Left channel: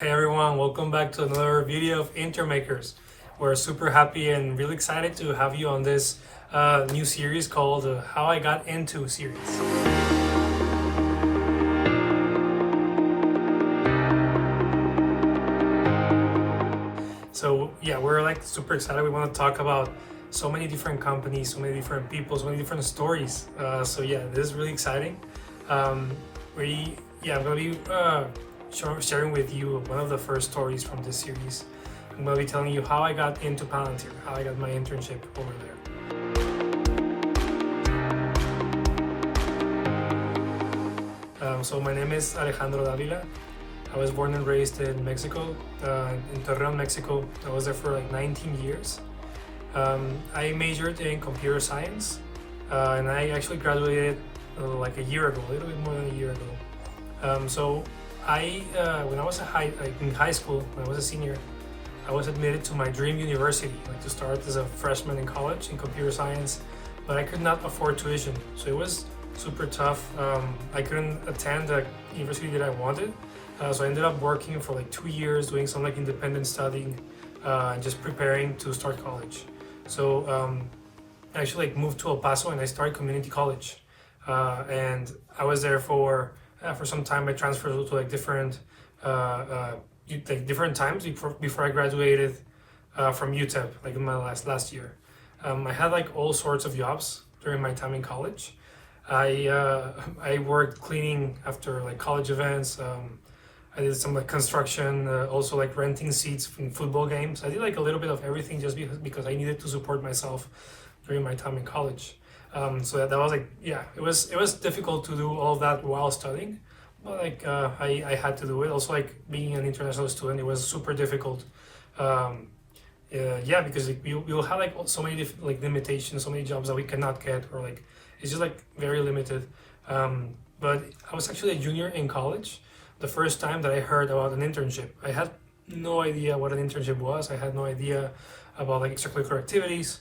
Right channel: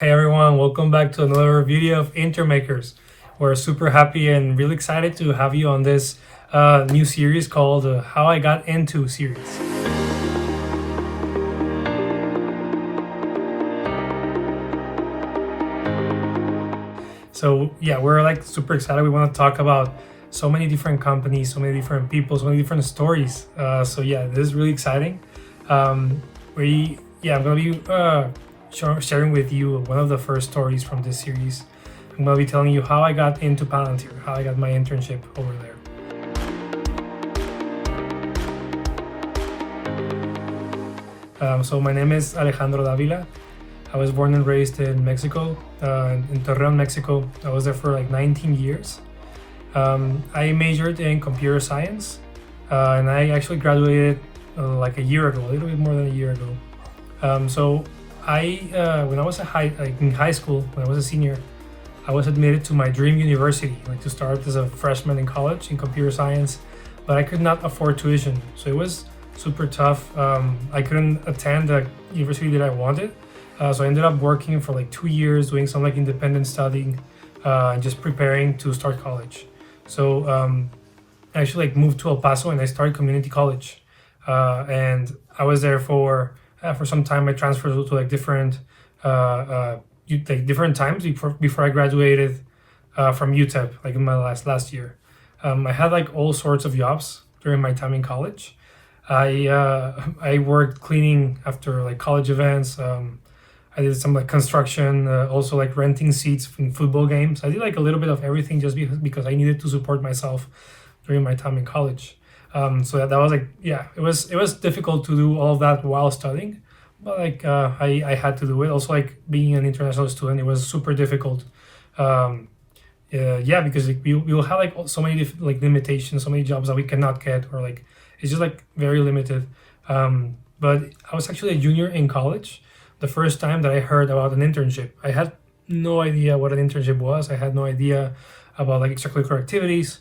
Hey everyone, welcome back to another video of Intermakers. We're super happy and really excited to have you on this new series called How I Got Into series. So yeah, we're like super excited. We want to talk about so many different companies, so many different people, so many different stories. So yeah, this is really exciting. Um, I'm gonna be sharing with you one of the first stories from this series. I'm gonna be telling you how I got into Palantir, how I got my internship over there. So my name is Alejandro Davila. I was born and raised in Mexico, in Torreon, Mexico. I was there for like 19 years. I majored in computer science, and I actually graduated like a year ago, a little bit more than a year ago. So when I was in high school, when I was a senior, I was admitted to my dream university, like to start as a freshman in college in computer science, but I could not afford tuition, so it was super tough. I couldn't attend the university that I wanted, so I ended up working for like 2 years, doing some like independent studying, and just preparing to start college. So I actually like moved to El Paso and I started community college, and I was there for some time. I transferred to like different times before I graduated from UTEP, like in my last year. I had like all sorts of jobs during my time in college. I worked cleaning after like college events. I did some like construction, also like renting seats in football games. I did like a little bit of everything just because I needed to support myself during my time in college. So that was like, yeah, it was difficult to do all of that while studying, but like I had to do it. Also, like being an international student, it was super difficult. Yeah, because like, we will have like so many like limitations, so many jobs that we cannot get, or like it's just like very limited. But I was actually a junior in college the first time that I heard about an internship. I had no idea what an internship was. I had no idea about like extracurricular activities,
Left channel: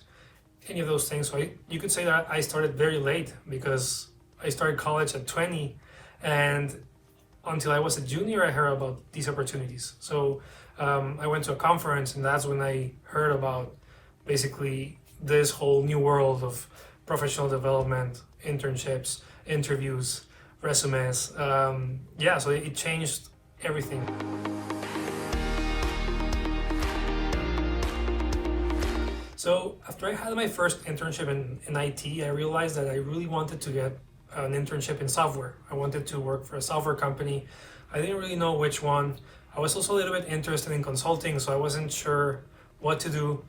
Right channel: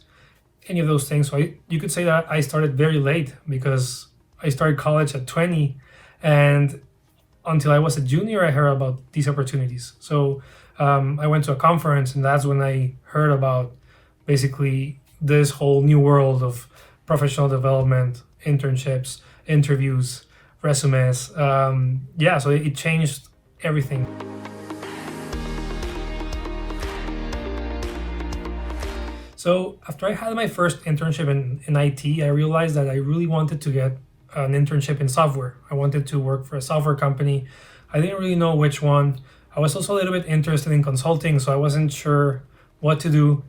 any of those things. So you could say that I started very late because I started college at 20, and until I was a junior, I heard about these opportunities. So I went to a conference, and that's when I heard about basically this whole new world of professional development, internships, interviews, resumes. Yeah, so it changed everything. So after I had my first internship in IT, I realized that I really wanted to get an internship in software. I wanted to work for a software company. I didn't really know which one. I was also a little bit interested in consulting, so I wasn't sure what to do.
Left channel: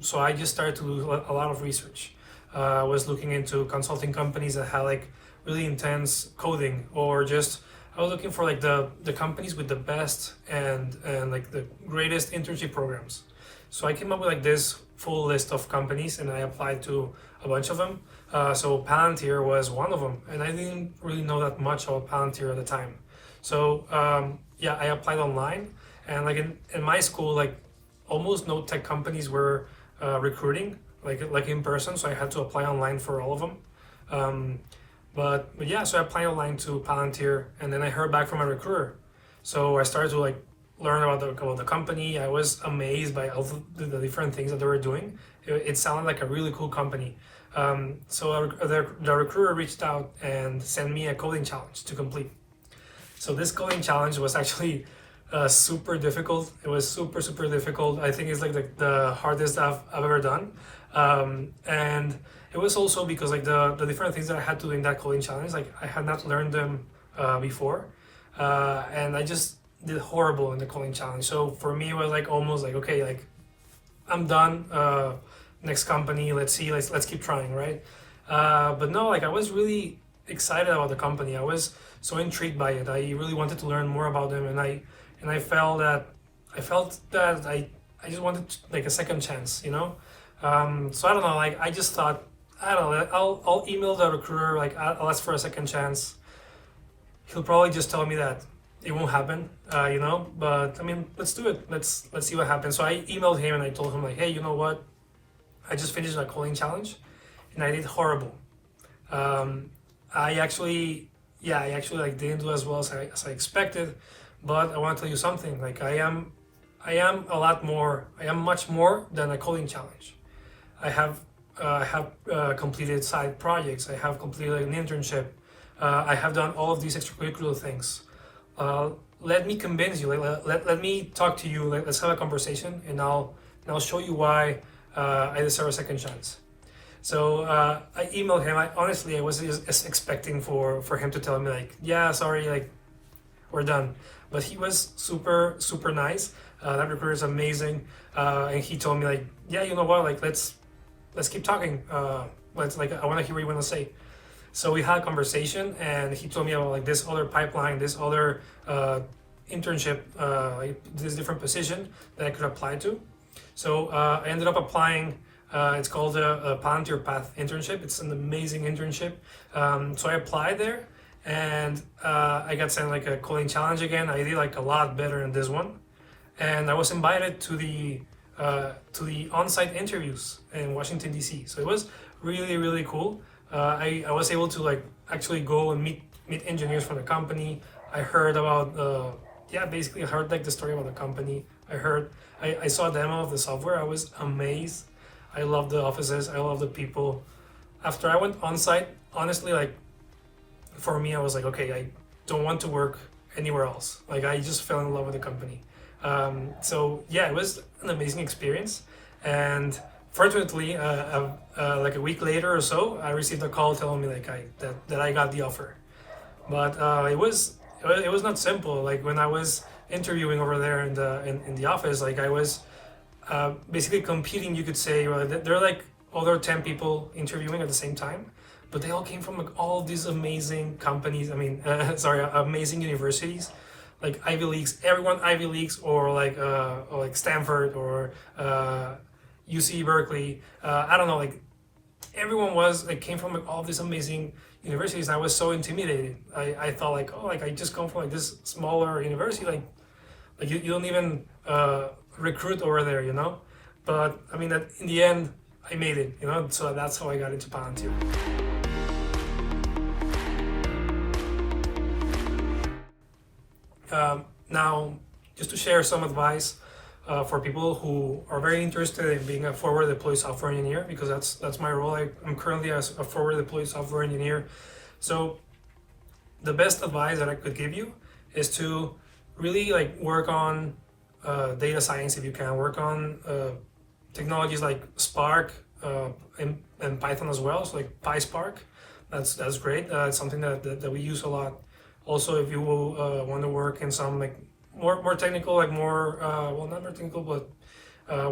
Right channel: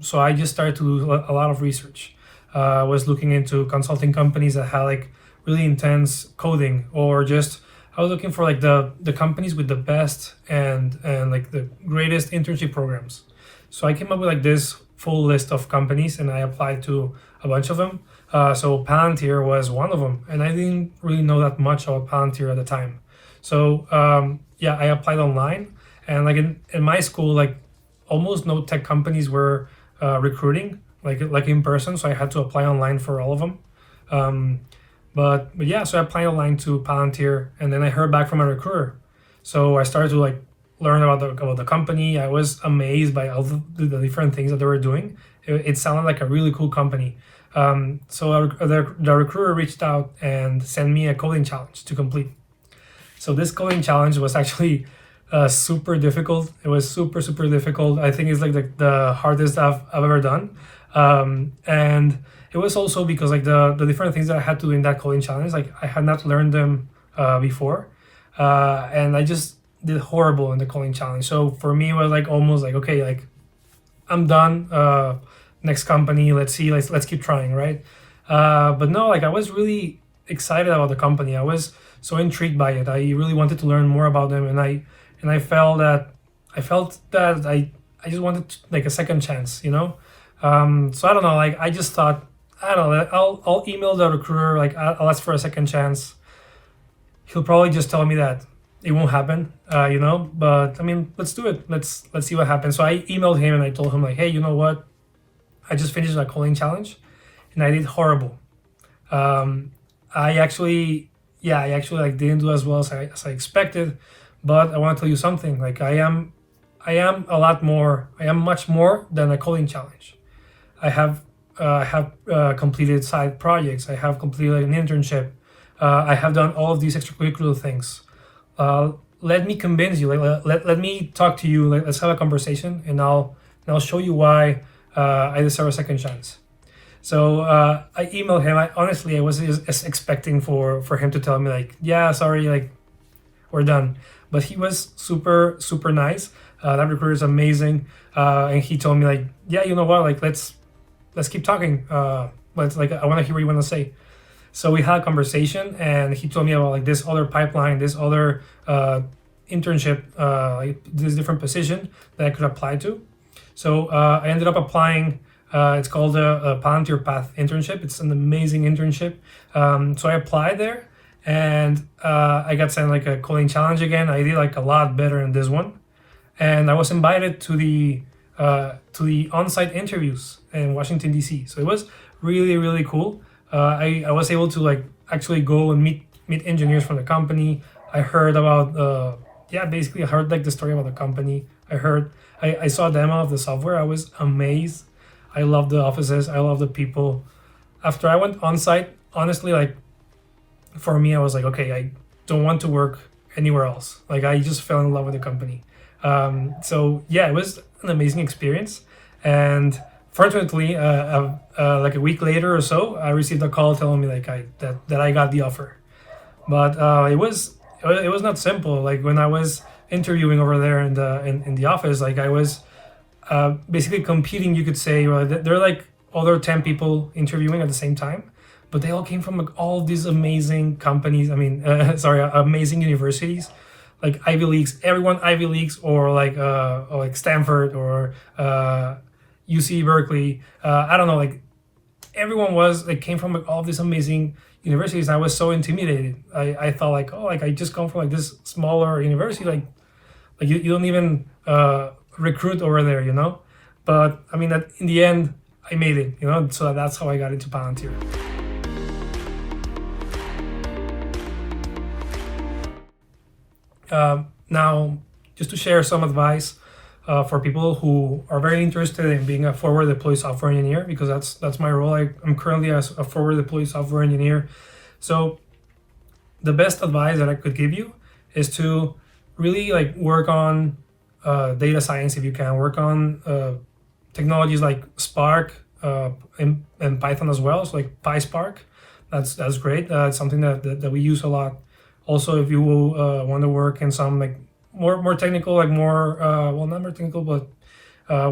So I just started to do a lot of research. I was looking into consulting companies that had like really intense coding, or just I was looking for like the companies with the best and like the greatest internship programs. So I came up with like this full list of companies, and I applied to a bunch of them. So Palantir was one of them, and I didn't really know that much about Palantir at the time. So yeah, I applied online, and like in my school, like almost no tech companies were recruiting like in person, so I had to apply online for all of them. But yeah, so I applied online to Palantir, and then I heard back from a recruiter. So I started to like learn about the company. I was amazed by all the different things that they were doing. It sounded like a really cool company. So the recruiter reached out and sent me a coding challenge to complete. So this coding challenge was actually super difficult. It was super difficult. I think it's like the hardest I've ever done. And it was also because like the different things that I had to do in that coding challenge, like I had not learned them before, and I just did horrible in the coding challenge. So for me, it was like almost like, okay, like I'm done. Next company, let's see, let's keep trying, right? But no, like I was really excited about the company. I was so intrigued by it. I really wanted to learn more about them, and I felt that I just wanted like a second chance, you know. So I don't know, like I just thought, I don't know, I'll email the recruiter, like I'll ask for a second chance. He'll probably just tell me that it won't happen, you know. But I mean, let's do it. Let's see what happens. So I emailed him and I told him like, hey, you know what? I just finished a coding challenge, and I did horrible. I actually like didn't do as well as I expected, But I want to tell you something. Like I am much more than a coding challenge. I have completed side projects. I have completed like, an internship. I have done all of these extracurricular things. Uh, Let me convince you. Like let me talk to you. Like let's have a conversation, and I'll show you why I deserve a second chance. So I emailed him. I was just expecting for him to tell me like, yeah, sorry, like we're done. But he was super nice. That recruiter is amazing, and he told me like, yeah, you know what, like let's keep talking. Let's like I want to hear what you want to say. So we had a conversation, and he told me about like this other pipeline, this other internship, like this different position that I could apply to. So I ended up applying. It's called a Palantir Path internship. It's an amazing internship. So I applied there, and I got sent like a coding challenge again. I did like a lot better in this one, and I was invited to the on-site interviews in Washington D.C. So it was really cool. I was able to like actually go and meet engineers from the company. I heard about basically I heard like the story about the company. I saw a demo of the software. I was amazed. I love the offices. I love the people. After I went on site, honestly, like for me, I was like, okay, I don't want to work anywhere else. Like I just fell in love with the company. So yeah, it was an amazing experience. And fortunately, like a week later or so, I received a call telling me like that I got the offer. But it was not simple. Like when I was interviewing over there in the office, like I was basically competing, you could say. There are like other 10 people interviewing at the same time, but they all came from like all these amazing companies. I mean, amazing universities, like Ivy Leagues. Everyone Ivy Leagues, or like Stanford or UC Berkeley. I don't know, like everyone was like came from like all these amazing universities. I was so intimidated. I thought like, oh, like I just come from like this smaller university, like you don't even recruit over there, you know. But I mean that in the end I made it, you know. So that's how I got into Palantir. Now, just to share some advice for people who are very interested in being a forward deployed software engineer, because that's my role. I'm currently a forward deployed software engineer. So the best advice that I could give you is to really like work on data science if you can. Work on technologies like Spark and Python as well. So like PySpark, that's great. It's something that we use a lot. Also, if you want to work in some like more technical, like more well, not more technical, but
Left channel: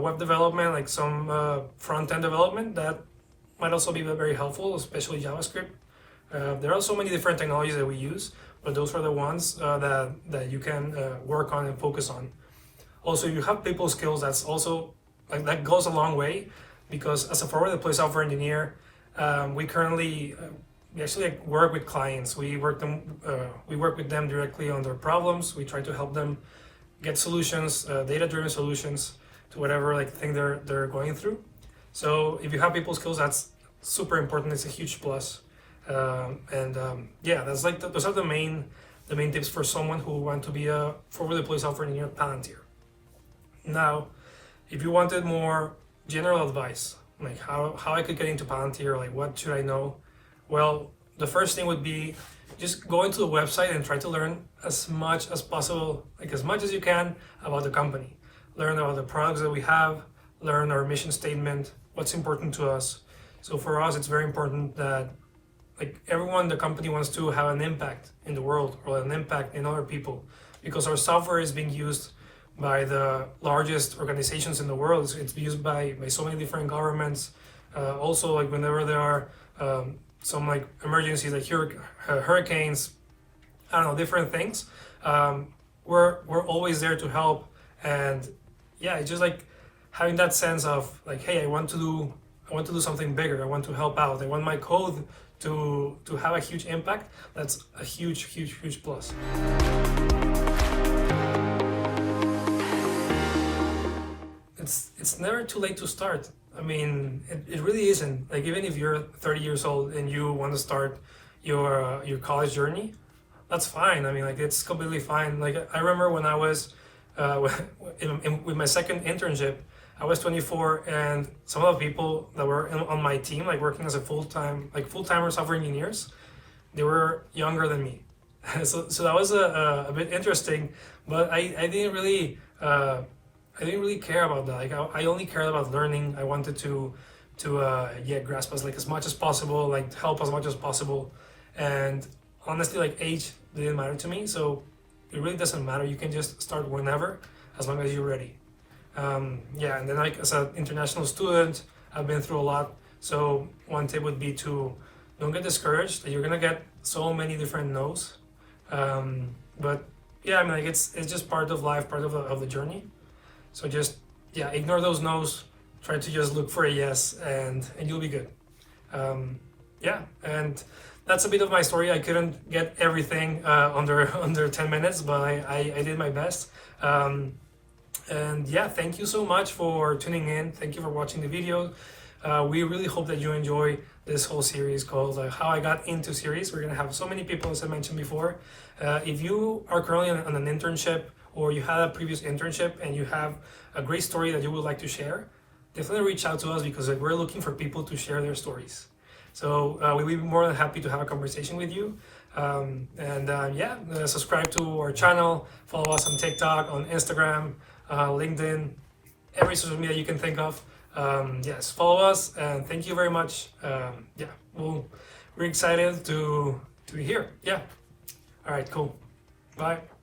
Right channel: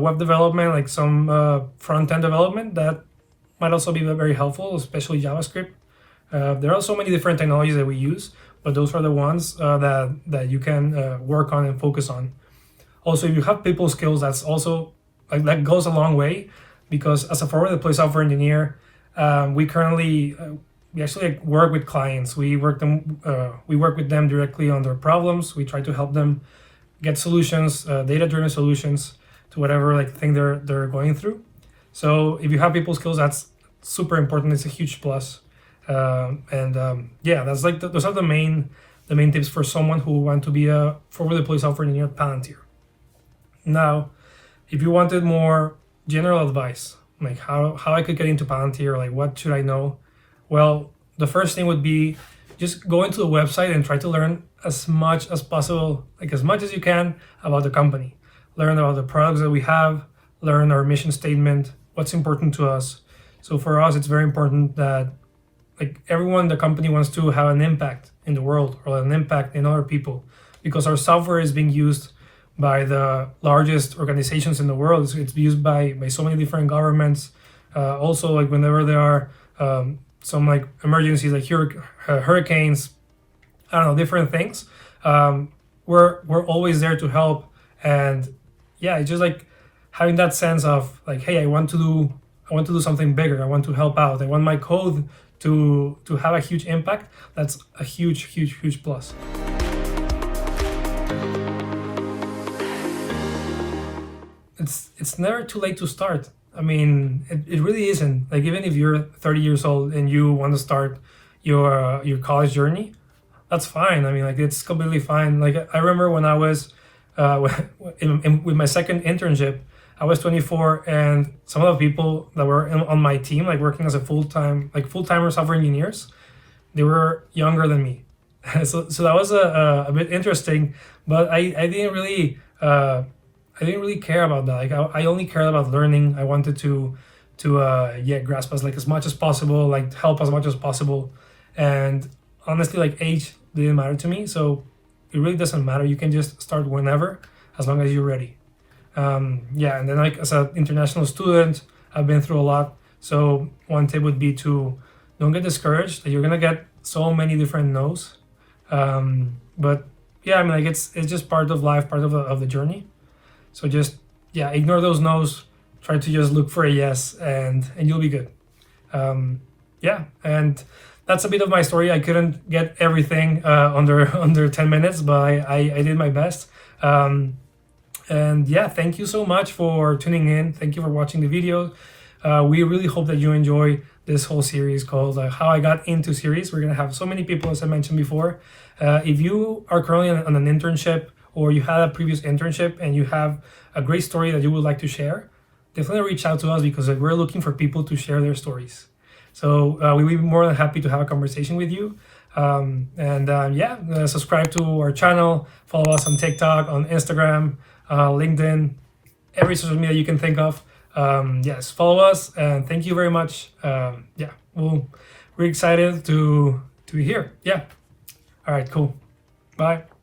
web development, like some front end development, that might also be very helpful, especially JavaScript. There are so many different technologies that we use, but those are the ones that you can work on and focus on. Also, if you have people skills, that's also like that goes a long way, because as a forward deployed software engineer, we actually like work with clients. We work with them directly on their problems. We try to help them get solutions, data-driven solutions to whatever like thing they're going through. So if you have people skills, that's super important. It's a huge plus. That's like those are the main tips for someone who want to be a forward deployed software engineer at Palantir. Now, if you wanted more general advice, like how I could get into Palantir, like what should I know? Well, the first thing would be just go into the website and try to learn as much as possible, like as much as you can about the company. Learn about the products that we have, learn our mission statement, what's important to us. So for us, it's very important that like everyone in the company wants to have an impact in the world or an impact in other people, because our software is being used by the largest organizations in the world. It's used by so many different governments. Also, like whenever there are some like emergencies, like hurricanes, I don't know, different things. We're always there to help, and yeah, it's just like having that sense of like, hey, I want to do something bigger. I want to help out. I want my code to have a huge impact. That's a huge plus. It's never too late to start. I mean, it really isn't. Like even if you're 30 years old and you want to start your college journey, that's fine. I mean, like it's completely fine. Like I remember when I was with my second internship, I was 24, and some of the people that were on my team, like working as a full-timer software engineers, they were younger than me. So that was a bit interesting, but I didn't really I didn't really care about that. Like I only cared about learning. I wanted to grasp as much as possible, like help as much as possible, and honestly, like age didn't matter to me. So it really doesn't matter. You can just start whenever, as long as you're ready. Yeah, and then like as an international student, I've been through a lot. So one tip would be to don't get discouraged that you're gonna get so many different no's. But yeah, I mean like it's just part of life, part of the journey. So just yeah, ignore those no's. Try to just look for a yes, and you'll be good. Yeah, and that's a bit of my story. I couldn't get everything under 10 minutes, but I did my best. And yeah, thank you so much for tuning in. Thank you for watching the video. We really hope that you enjoy this whole series called How I Got Into series. We're gonna have so many people, as I mentioned before. If you are currently on an internship, or you had a previous internship and you have a great story that you would like to share, definitely reach out to us, because we're looking for people to share their stories. So we will be more than happy to have a conversation with you. Subscribe to our channel, follow us on TikTok, on Instagram, LinkedIn, every social media you can think of. Yes, follow us, and thank you very much. We're excited to be here. Yeah. All right, cool. Bye.